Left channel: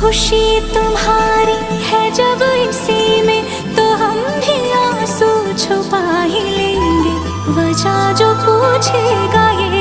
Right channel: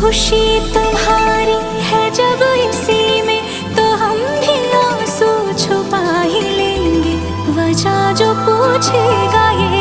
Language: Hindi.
खुशी तुम्हारी है जब इसी में, तो हम भी आंसू छुपा ही लेंगे। वजह जो पूछेगा ये